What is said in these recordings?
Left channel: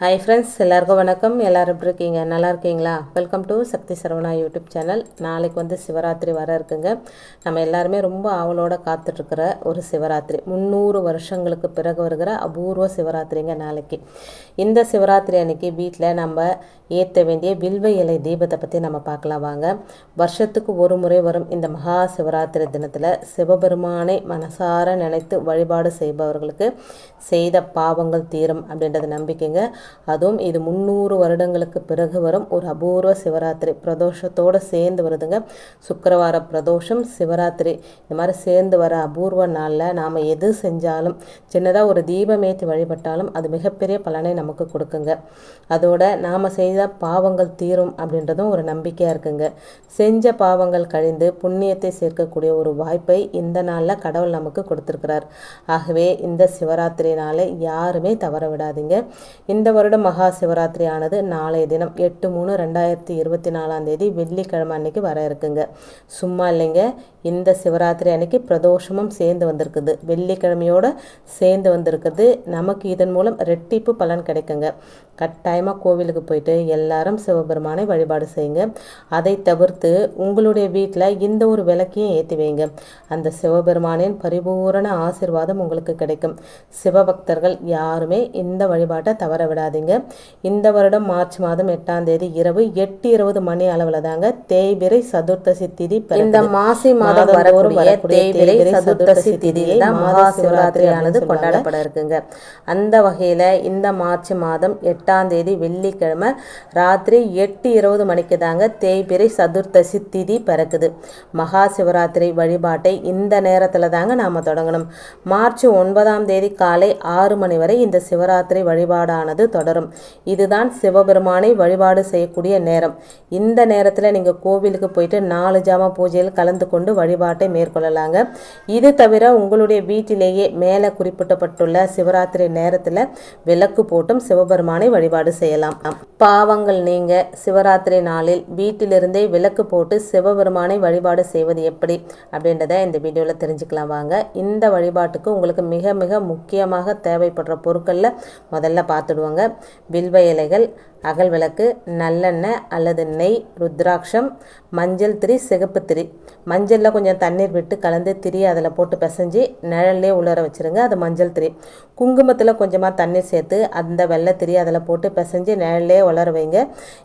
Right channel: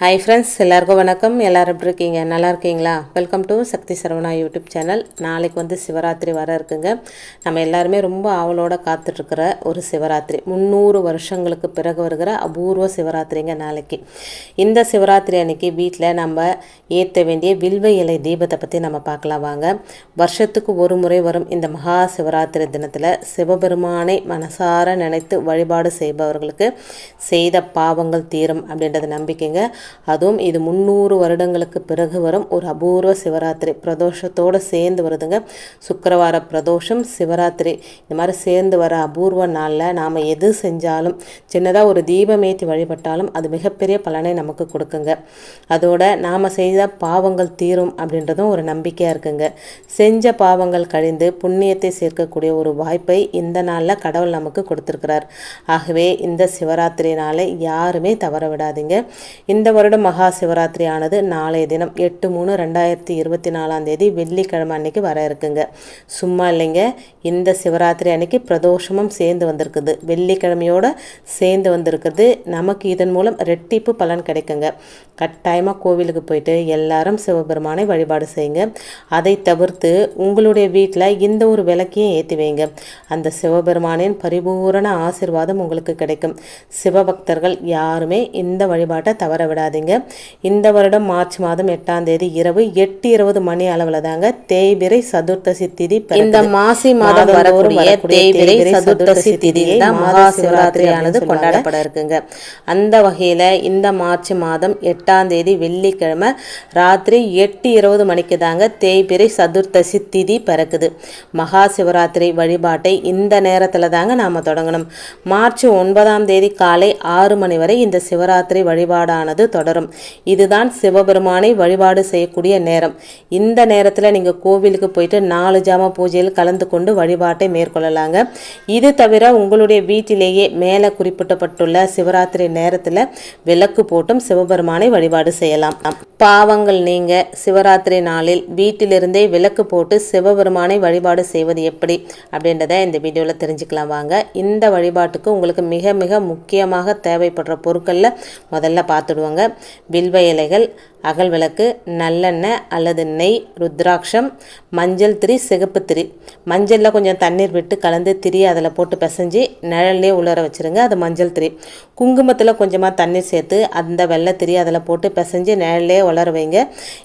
Hi friends, எல்லாருக்கும் வணக்கம். எல்லோரும் எப்படி இருக்கீங்க? நல்லா இருக்கீங்களா? Welcome to Shakti Saravana YouTube channel. நாளைக்கு வந்து சிவராத்திரி வர இருக்குங்க. நம்ம எல்லாருமே ரொம்ப ஆவலோடு காத்துட்ருக்கிற ஒரு சிவராத்திரி, 300 வருஷங்களுக்கு பிறகு வருகிற அபூர்வ சிவராத்திரிங்க நாளைக்கு. இந்த சிவராத்திரி அன்னைக்கு வீட்டில் நம்ம ஏற்ற வேண்டிய வில்வ இலை தீபத்தை பற்றி நம்ம பார்க்கலாம் வாங்க. வருஷத்துக்கு ஒரு முறை வரும் இந்த மகா சிவராத்திரி தினத்தில் சிவபெருமானை மனசார நினைத்து வழிபாடு செய்பவர்களுக்கு செய்த பாவங்கள் தீரும் அப்படின்றது நம்பிக்கைங்க. அதுவும் இது 300 வருடங்களுக்கு பிறகு வரும் ஒரு அபூர்வ சிவராத்திரி பிரதோஷத்தோடு சேர்ந்து வருதுங்க. சுக்கிரவார பிரதோஷம், சிவராத்திரி இந்த மாதிரி சேர்ந்து வர அபூர்வ நாளில் நாம் எது செஞ்சாலும், சின்னதாக ஒரு தீபமேற்றி வழிபட்டாலும் அது மிகப்பெரிய பலனை நமக்கு கொடுக்குங்க. அதோட நாம் செய்த பாவங்கள் தீரும் அப்படின்றதும் ஒரு நம்பிக்கையாக இருக்குங்க. செஞ்ச பாவங்கள் கழிந்து புண்ணியத்தை சேர்க்கக்கூடிய ஒரு வாய்ப்பை இந்த நாளில் கடவுள் நமக்கு கொடுத்துருக்கிறார். ஆகவே இந்த சிவராத்திரி நாளை யாருமே தவற விடாதீங்க. இந்த வருடம் மகா சிவராத்திரி ஆனது நாளைய தினம் 8/3/2024 வெள்ளிக்கிழமை அன்னைக்கு வர இருக்குங்க. சும்மா இல்லைங்க, இந்த சிவராத்திரி அன்னைக்கு பிரதோஷமும் சேர்ந்து வந்திருக்குது, வெள்ளிக்கிழமையோடு சேர்ந்து வந்திருக்குது. நமக்கு இதன் மூலம் ரெட்டிப்பு பலன் கிடைக்குங்க. கட்டாயமாக கோவிலுக்கு போயிட்டு எல்லாரும் சிவபெருமானை வழிபாடு செய்யுங்க. அதை தவிர்த்து உங்களுடைய வீட்டில் இந்த ஒரு விளக்கையும் ஏற்றி வைங்க. அந்த சிவபெருமானின் பரிபூரண ஆசீர்வாதம் உங்களுக்கு கிடைக்கும். சிவபக்தர்கள் யாருமே இந்த வழிபாட்டை தவற விடாதீங்க. இந்த வருடம் மார்ச் மாதம் 8ஆம் தேதி இரவு 8:20 மணி அளவில் தாங்க தேய்பிறை சதுர்த்தசி திதி. இந்த மாசி மாதம் வரக்கூடிய தேய்பிறை சதுர்த்தசி திதியை தான் மகா சிவராத்திரியானது கொண்டாடப்பட இருக்குங்க. அந்த வகையில் இந்த மார்ச் மாதம் 8ஆம் தேதி வெள்ளிக்கிழமை ராத்திரி 8:20 மணிக்கு தாங்க தேய்பிறை சதுர்த்தசி திதி பிறக்குது. மகா சிவராத்திரி வழிபாட்டை இந்த நேரத்தில் தாங்க நாம் தொடங்கணும். மார்ச் 9ஆம் தேதி காலை 6 மணி வரை இந்த சிவராத்திரி வழிபாடானது தொடரும். இதுதான் சிவபெருமானை வழிபாடு செய்யக்கூடிய நேரம். இந்த நேரத்தில் நீங்கள் கோவிலுக்கு போயிட்டு 4 ஜாம பூஜையில் கலந்து கொண்டு வழிபாட்டை மேற்கொள்ளலாங்க. இது தவிர உங்களுடைய வீட்டிலேயே மேலே குறிப்பிட்டப்பட்டுள்ள சிவராத்திரி நேரத்தில் விளக்கு போட்டும் சிவபெருமானை வழிபாடு செய்யலாம். பாவங்கள் நீங்க சிவராத்திரி நாளில் வீட்டிலிருந்தே விளக்கு போட்டு சிவபெருமானை வழிபாடு செய்வது எப்படி அப்படின்றத இந்த வீடியோவில் தெரிஞ்சுக்கலாம் வாங்க. இந்த வழிபாட்டுக்கு உங்களுக்கு மிக மிக முக்கியமாக தேவைப்படுற பொருட்களில் முதல்ல பார்த்துடுவாங்க. வில்வ இலைகள், அகல் விளக்கு, நல்லெண்ணெய் அல்லது நெய், ருத்ராட்சம், மஞ்சள் திரி, சிகப்பு திரி. மஞ்சளில் கொஞ்சம் தண்ணீர் விட்டு கலந்து திரி அதில் போட்டு பிசைஞ்சு நிழல்லே உலர வச்சுருங்க. அது மஞ்சள் திரி. குங்குமத்தில் கொஞ்சமாக தண்ணீர் சேர்த்து அந்த வெள்ளை திரி அதில் போட்டு பிசைஞ்சு நிழல்லே உலர வைங்க.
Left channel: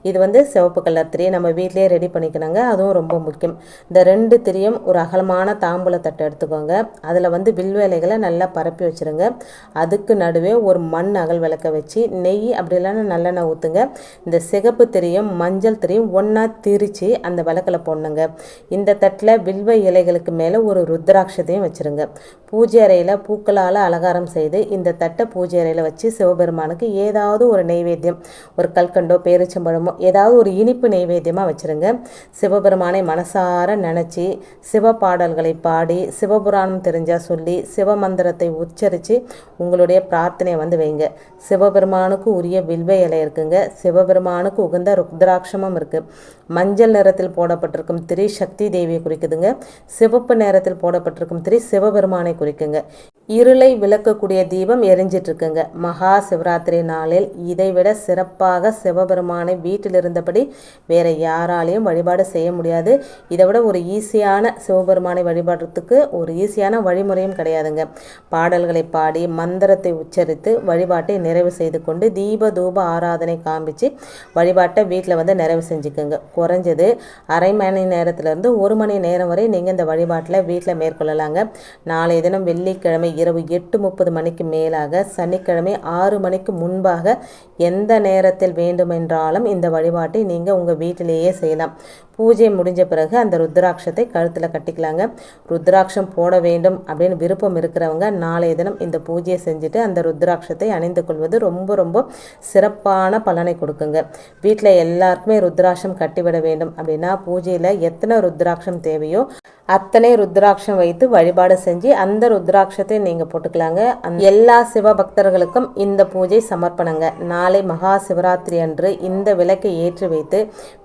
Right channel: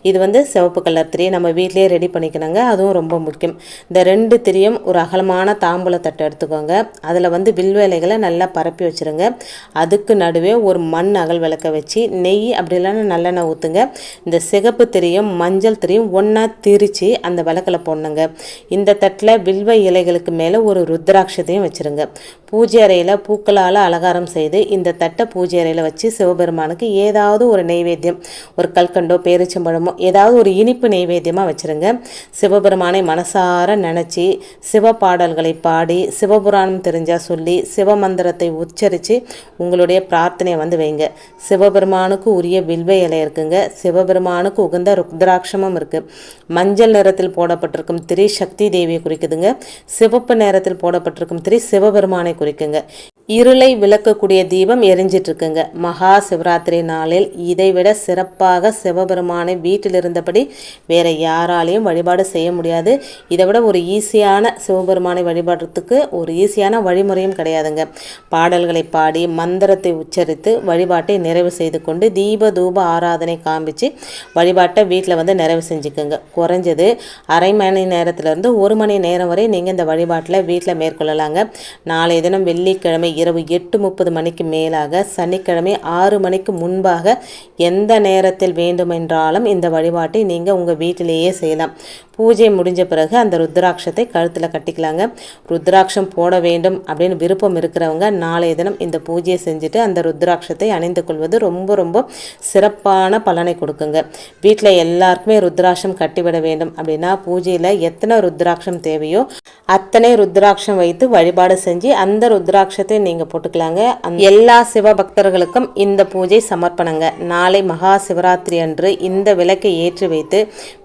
இது வந்து சிவப்பு கலர் திரி நம்ம வீட்டிலே ரெடி பண்ணிக்கணுங்க. அதுவும் ரொம்ப முக்கியம். இந்த 2 திரியும் ஒரு அகலமான தாம்பூல தட்டு எடுத்துக்கோங்க. அதில் வந்து வில்வ இலைகளை நல்லா பரப்பி வச்சுருங்க. அதுக்கு நடுவே ஒரு மண் அகல் விளக்கை வச்சு நெய் அப்படி இல்லைன்னா நல்லெண்ணெய் ஊற்றுங்க. இந்த சிகப்பு திரியும் மஞ்சள் திரியும் ஒன்றா திரித்து அந்த விளக்கில் போடணுங்க. இந்த தட்டில் வில்வ இலைகளுக்கு மேலே ஒரு ருத்ராட்சத்தையும் வச்சுருங்க. பூஜை அறையில் பூக்களால் அலங்காரம் செய்து இந்த தட்டை பூஜை அறையில் வச்சு சிவபெருமானுக்கு ஏதாவது ஒரு நெய்வேத்தியம், ஒரு கல்கண்டோ பேரிச்சம்பழமோ ஏதாவது ஒரு இனிப்பு நெய்வேத்தியமாக வச்சுருங்க. சிவபெருமானை மனசார நினச்சி சிவ பாடல்களை பாடி சிவபுராணம் தெரிஞ்சால் சொல்லி சிவமந்திரத்தை உச்சரித்து உங்களுடைய பிரார்த்தனையை வந்து வைங்க. சிவபெருமானுக்கு உரிய வில்வ இலை இருக்குங்க. சிவபெருமானுக்கு உகந்த ருத்ராட்சமும் இருக்குது. மஞ்சள் நிறத்தில் போடப்பட்டிருக்கும் திரி சக்தி தேவியை குறிக்குதுங்க. சிவப்பு நிறத்தில் போடப்பட்டிருக்கும் திரி சிவபெருமானை குறிக்குங்க. இருளை விளக்கக்கூடிய தீபம் எரிஞ்சிட்டு இருக்குங்க. மகா சிவராத்திரி நாளில் இதைவிட சிறப்பாக சிவபெருமானை வீட்டில் இருந்தபடி வேற யாராலையும் வழிபாடு செய்ய முடியாது. இதை விட ஒரு ஈஸியான சிவபெருமானை வழிபாடுறதுக்கு ஒரு ஈஸியான வழிமுறையும் கிடையாதுங்க. பாடல்களை பாடி மந்திரத்தை உச்சரித்து வழிபாட்டை நிறைவு செய்து கொண்டு தீப தூப ஆராதனை காமிச்சு வழிபாட்டை வீட்டில் வந்து நிறைவு செஞ்சுக்குங்க. குறைஞ்சது அரை மணி நேரத்திலிருந்து 1 மணி நேரம் வரை நீங்கள் இந்த வழிபாட்டில் வீட்டில் மேற்கொள்ளலாங்க. நாளைய தினம் வெள்ளிக்கிழமை இரவு 8:30 மணிக்கு மேலாக, சனிக்கிழமை 6 மணிக்கு முன்பாக எந்த நேரத்தில் வேண்டுமென்றாலும் இந்த வழிபாட்டை நீங்கள் உங்கள் வீட்டிலேயே செய்யலாம். பூஜை முடிஞ்ச பிறகு அந்த ருத்ராட்சத்தை கழுத்தில் கட்டிக்கலாங்க. ருத்ராட்சம் போட வேண்டும் அப்படின்னு விருப்பம் இருக்கிறவங்க நாளைய தினம் இந்த பூஜையை செஞ்சுட்டு அந்த ருத்ராட்சத்தை அணிந்து கொள்வது ரொம்ப ரொம்ப சிறப்பான பலனை கொடுக்குங்க. வீட்டில் எல்லாருக்குமே ருத்ராட்சம் கட்டிவிட வேண்டும் அப்படின்னா பூஜையில் எத்தனை ருத்ராட்சம் தேவையோ அத்தனை ருத்ராட்சம் வைத்து வழிபாடு செஞ்சு அந்த ருத்ராட்சத்தை நீங்கள் போட்டுக்கலாங்க. எல்லா சிவபக்தர்களுக்கும் இந்த பூஜை சமர்ப்பணங்க. நாளை மகா சிவராத்திரி அன்று இந்த விளக்கை ஏற்றி வைத்து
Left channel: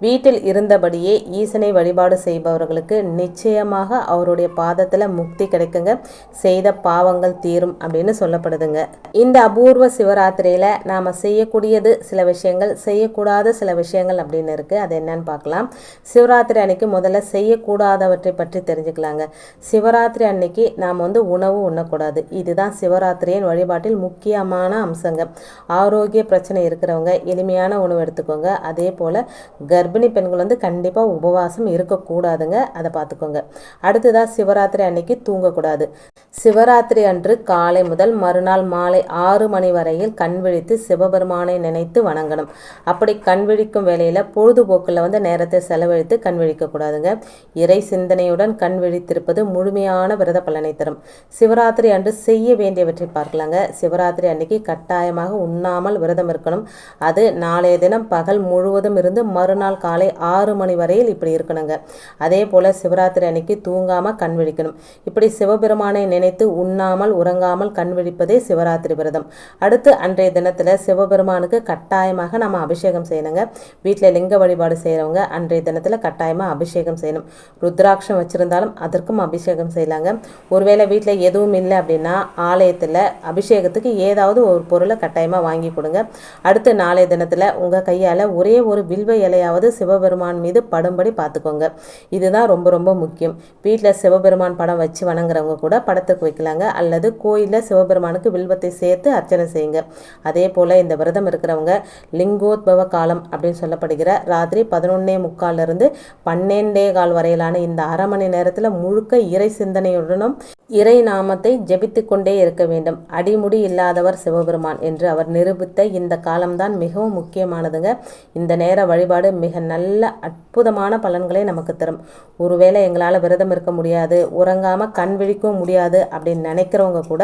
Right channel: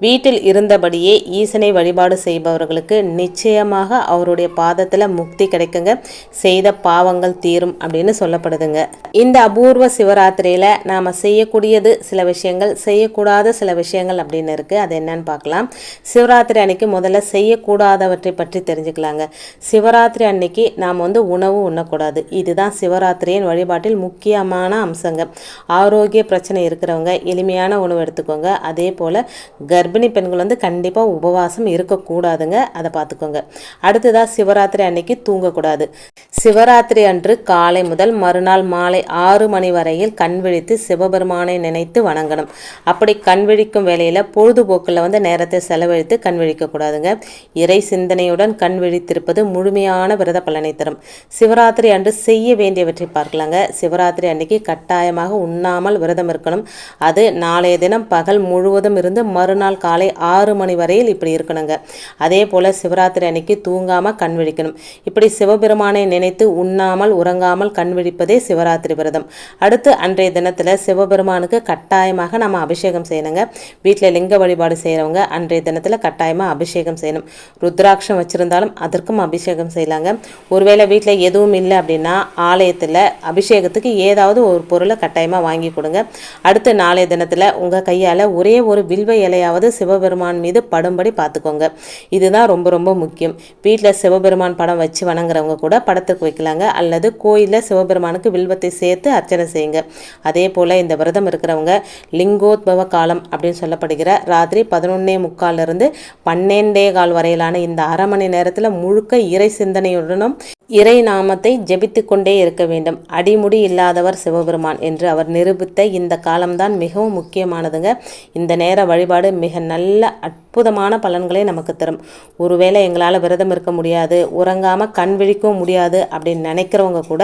வீட்டில் இருந்தபடியே ஈசனை வழிபாடு செய்பவர்களுக்கு நிச்சயமாக அவருடைய பாதத்தில் முக்தி கிடைக்குங்க. செய்த பாவங்கள் தீரும் அப்படின்னு சொல்லப்படுதுங்க. இந்த அபூர்வ சிவராத்திரியில் நாம் செய்யக்கூடியது சில விஷயங்கள், செய்யக்கூடாத சில விஷயங்கள் அப்படின்னு இருக்குது. அது என்னன்னு பார்க்கலாம். சிவராத்திரி அன்னைக்கு முதல்ல செய்யக்கூடாதவற்றை பற்றி தெரிஞ்சுக்கலாங்க. சிவராத்திரி அன்னைக்கு நாம் உணவு உண்ணக்கூடாது. இதுதான் சிவராத்திரியின் வழிபாட்டில் முக்கியமான அம்சங்க. ஆரோக்கிய பிரச்சனை இருக்கிறவங்க எளிமையான உணவு எடுத்துக்கோங்க. அதே போல் கர்ப்பிணி பெண்கள் கண்டிப்பாக உபவாசம் இருக்கக்கூடாதுங்க. அதை பார்த்துக்கோங்க. அடுத்ததாக சிவராத்திரி அன்னைக்கு தூங்கக்கூடாது. சிவராத்திரி அன்று காலை முதல் மறுநாள் மாலை 6 மணி வரையில் கண் விழித்து சிவபெருமானை நினைத்து வணங்கணும். அப்படி கண் விழிக்கும் வேளையில் பொழுதுபோக்கில் நேரத்தை செலவழித்து கண் விழிக்கக்கூடாதுங்க. இறை சிந்தனையுடன் கண் விழித்திருப்பது முழுமையான விரத பலனை தரும். சிவராத்திரி அன்று செய்ய வேண்டியவற்றை பார்க்கலாங்க. சிவராத்திரி அன்னைக்கு கட்டாயமாக உண்ணாமல் விரதம் இருக்கணும். அது நாளைய தினம் பகல் முழுவதும் இருந்து மறுநாள் காலை 6 மணி வரையில் இப்படி இருக்கணுங்க. அதே போல் சிவராத்திரி அன்னைக்கு தூங்காமல் கண் விழிக்கணும். இப்படி சிவபெருமானை நினைத்து உண்ணாமல் உறங்காமல் கண் விழிப்பதே சிவராத்திரி விரதம். அடுத்து அன்றைய தினத்தில் சிவபெருமானுக்கு கட்டாயமாக நம்ம அபிஷேகம் செய்யணுங்க. வீட்டில் லிங்க வழிபாடு செய்கிறவங்க அன்றைய தினத்தில் கட்டாயமாக அபிஷேகம் செய்யணும். ருத்ராட்சம் வச்சுருந்தாலும் அதற்கும் அபிஷேகம் செய்யலாங்க. ஒருவேளை வீட்டில் எதுவும் இல்லை அப்படின்னா ஆலயத்தில் அபிஷேகத்துக்கு ஏதாவது ஒரு பொருளை கட்டாயமாக வாங்கி கொடுங்க. அடுத்து நாளைய தினத்தில் உங்கள் கையால் ஒரே ஒரு வில்வ இலையாவது சிவபெருமான் மீது படும்படி பார்த்துக்கோங்க. இதுதான் ரொம்ப ரொம்ப முக்கியம். வீட்டில் சிவபெருமான் படம் வச்சு வணங்குறவங்க கூட படத்துக்கு வைக்கலாங்க. அல்லது கோயிலில் சிவபெருமானுக்கு வில்வத்தை சேர்த்து அர்ச்சனை செய்யுங்க. அதே போல் இந்த விரதம் இருக்கிறவங்க லிங்கோத்பவ காலம் அப்படின்னு சொல்லப்படுகிற ராத்திரி 11:45 12:15 வரையிலான இந்த அரை மணி நேரத்தில் முழுக்க இறை சிந்தனையுடனும் இறை நாமத்தை ஜெபித்து கொண்டே இருக்க வேண்டும். அடிமுடி இல்லாதவர் சிவபெருமான் என்று அவர் நிரூபித்த இந்த காலம்தான் மிகவும் முக்கியமானதுங்க. இந்த நேர வழிபாடு மிக நல்ல அற்புதமான பலன்களை நமக்கு தரும். ஒருவேளை எங்களால் விரதம் இருக்க முடியாது, உறங்காமல் கண் விழிக்கவும் முடியாது அப்படின்னு நினைக்கிறவங்க கூட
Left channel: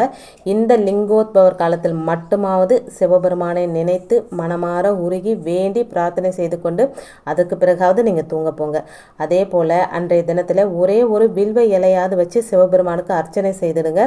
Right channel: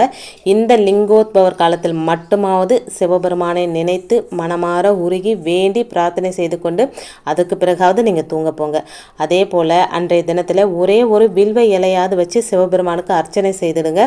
இந்த லிங்கோத்பவர் காலத்தில் மட்டுமாவது சிவபெருமானை நினைத்து மனமாற உருகி வேண்டி பிரார்த்தனை செய்து கொண்டு அதுக்கு பிறகாவது நீங்கள் தூங்க போங்க. அதே போல் அன்றைய தினத்தில் ஒரே ஒரு வில்வ இலையாவது வச்சு சிவபெருமானுக்கு அர்ச்சனை செய்திடுங்க.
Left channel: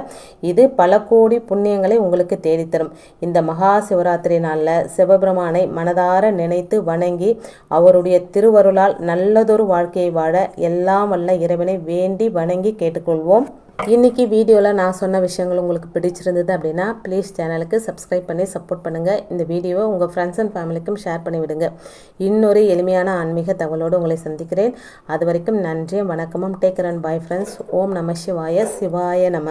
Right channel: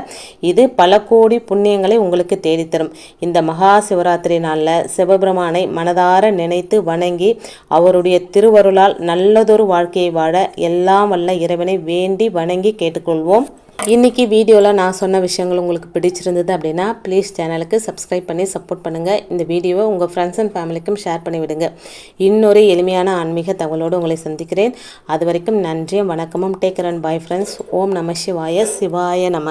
இது பல கோடி புண்ணியங்களை உங்களுக்கு தேடித்தரும். இந்த மகா சிவராத்திரி நாளில் சிவபெருமானை மனதார நினைத்து வணங்கி அவருடைய திருவருளால் நல்லதொரு வாழ்க்கையை வாழ எல்லாம் வல்ல இறைவனை வேண்டி வணங்கி கேட்டுக்கொள்வோம். இன்றைக்கி வீடியோவில் நான் சொன்ன விஷயங்கள் உங்களுக்கு பிடிச்சிருந்தது அப்படின்னா ப்ளீஸ் சேனலுக்கு சப்ஸ்கிரைப் பண்ணி சப்போர்ட் பண்ணுங்கள். இந்த வீடியோவை உங்கள் ஃப்ரெண்ட்ஸ் அண்ட் ஃபேமிலிக்கும் ஷேர் பண்ணி விடுங்க. இன்னொரு எளிமையான ஆன்மீக தகவலோடு உங்களை சந்திக்கிறேன். அது வரைக்கும் நன்றியும் வணக்கமும். Take care and bye friends. ஓம் நம சிவாய. சிவாய நம.